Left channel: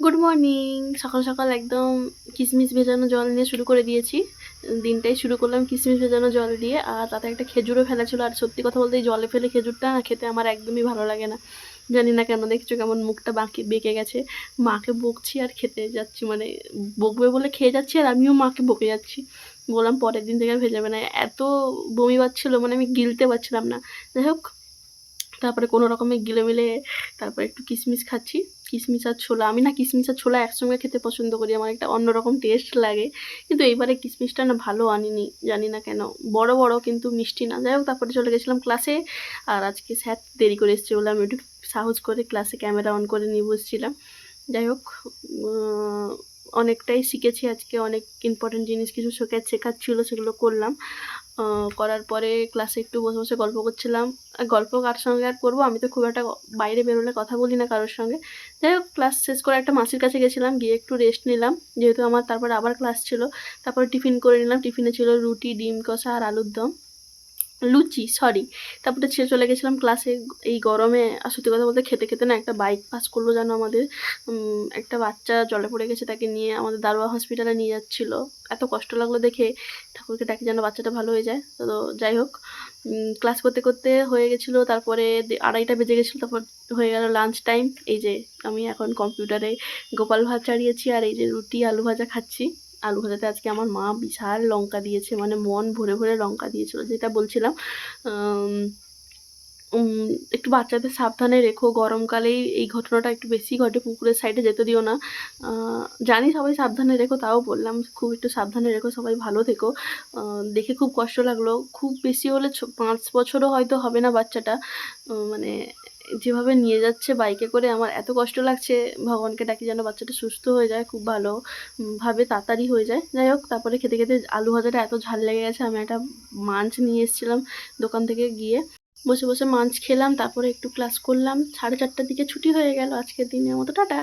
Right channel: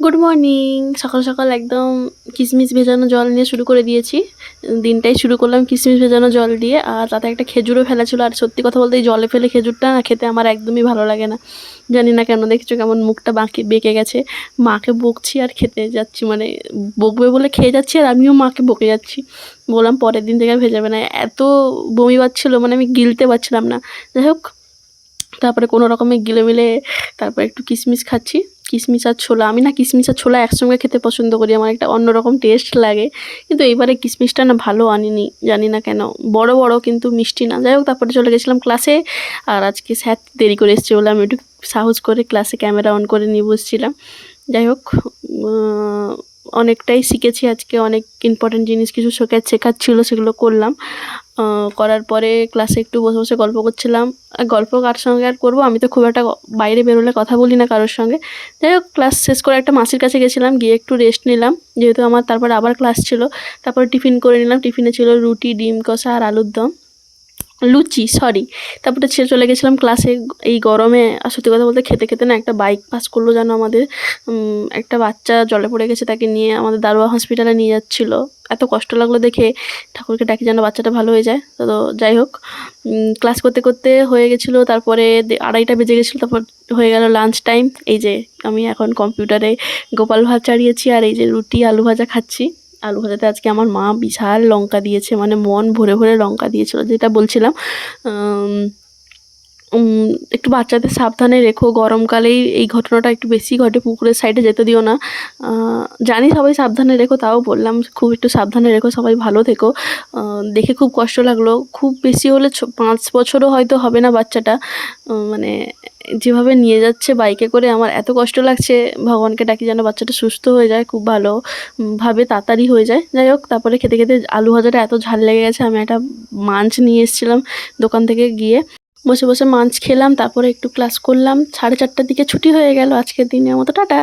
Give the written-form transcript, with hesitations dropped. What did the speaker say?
Good morning. সকাল সকাল একদম কিশমিশ ভেজানো জল নিয়ে শুরু করে দিয়েছি। দিনটাই শুরু করলাম কিশমিশ ভেজানো জল দিয়ে, আর তাতে একটা খেজুরও ফেলা ছিল। আর সত্যি কথা বলতে এই জলে ফেলে খেজুরটা না খেতে আমার একদমই ভালো লাগে না। জানি না কেন, দেখছো কেমন মুখটা বাঁকি বেঁকে গেছে। মাকে বকছি আর খেতে যাচ্ছি, মানে বকবে বলে খেয়ে যাচ্ছি আর আমিও মাকে বকে যাচ্ছি। বললাম পরের দিন থেকে আর ভেজাবে না। এত বমি পাচ্ছিল, মানে আমি গিলতে পারছিলাম না। যাই হোক, তারপরে কোনো রকমে গিলে মিলে তারপর একটু কিশমিশ খাচ্ছি। কিশমিশ আর ছোলা, আমি না কিশমিশ আর ছোলা একসঙ্গে খেতে পছন্দ করি, আমার একটা অন্যরকম টেস্ট লাগে। কিন্তু এইবারে কিশমিশটা না ভালো আনিনি, জানি না কেন। বড় বড় কিন্তু মিষ্টি না। যাই হোক, তারপরে চলে গেছিলাম ক্লাসে। আর আজকে স্যার দেরি করে এসছে বলে আমি একটু সাহস করে ক্লাসে ক্যামেরা অন করে নিয়ে বসছিলাম। যাই হোক, অনেকটাই শিখেছি আজকে। অনেক ইম্পর্টেন্ট জিনিস কিছু শেখাচ্ছিল, সেগুলো করলাম। করার পরে ক্লাসে একটু বসে বসে গল্প করছিলাম। আর গল্প কার সঙ্গে আর করবো, আমি তো খুব একটা বাইরে বেরোলে কথা বলি না কারোর সঙ্গে। যাই হোক, ক্লাস শেষ করে একটা মাসির কাছে গেছিলাম, গিয়ে একটু রেস্ট নিলাম, যেহেতু আমার তারপর আবার ক্লাস ছিল। তারপর টিফিন করে নিলাম। টিফিনে ছিল রুটি, ডিম কষা আর আলুর দম, লুচি সরি। তারপরে ছেড়ে চলে গেছিলাম ক্লাসে। এই গরমে আর সত্যি কথা বলতে খেতে খেতে না একটা বাইক পাস করলো যেন আমাদের। একটা বাচ্চা জলে পড়ে গেছে, তাকে নিয়ে আমাদের দারোয়া হসপিটালে নিয়ে যাচ্ছিল। এত কষ্ট লাগলো দেখে। ঠাকুরকে ডাকি যেন বাচ্চাটা ভালো হয়ে যায়। তো যাই হোক, ক্লাস করতে করতে হয়ে গেছিলো। তারপরে 2:30 বেজে গেছিলো। তারপর হয়ে গেল লাঞ্চ টাইম। এই যে আমি এখন কম্পিউটারে গোপাল ভাত চাড়িয়েছি, আর এই যে রুটি আলু ভাজা খাচ্ছি। আলু ভাজাতে আজকে আমার মা বিশাল লঙ্কা দিয়েছে, মানে মন ভরে ভরে লঙ্কা দিয়েছিল। যেটা বলছিলাম, উম, একটু বাচ্চাদের সাবধানে রেখো। গরমকালেই এই ঘটনাটা একটু বেশি ঘটে, পুকুরের সাইডে যেতে দিও না। জানি সবাই সাবধানে রেখো, তাও বললাম খুব একটু সাবধানে রেখো, সবাই ভালো থেকো। দেখে খুব কষ্ট লাগলো। খুব বেশি হলে 5 বছরও হয়তো হবে না বাচ্চাটা। মানে যেভাবে নিয়ে যাচ্ছে বাইকে করে, আমার এত কষ্ট লাগছে। ভগবানকে ডাকি যেন বাচ্চাটা সুস্থ হয়ে যায়, খুব ভালো ভাবে তাড়াতাড়ি হয়ে যায়। যাই হোক, তারপরে খেতে খেতে আলু ভাজাটা এত ঝাল লেগে গেছে, আমি একটা মাঞ্চ নিয়ে এসেছিলাম দোকান থেকে গিয়ে। বসে বসে মাঞ্চ খেলাম, তারপরে একটু ক্লাস করলাম। 4:30টার দিকে ছুটি হয়ে গেল আজকের দিনের মতো। টাটা।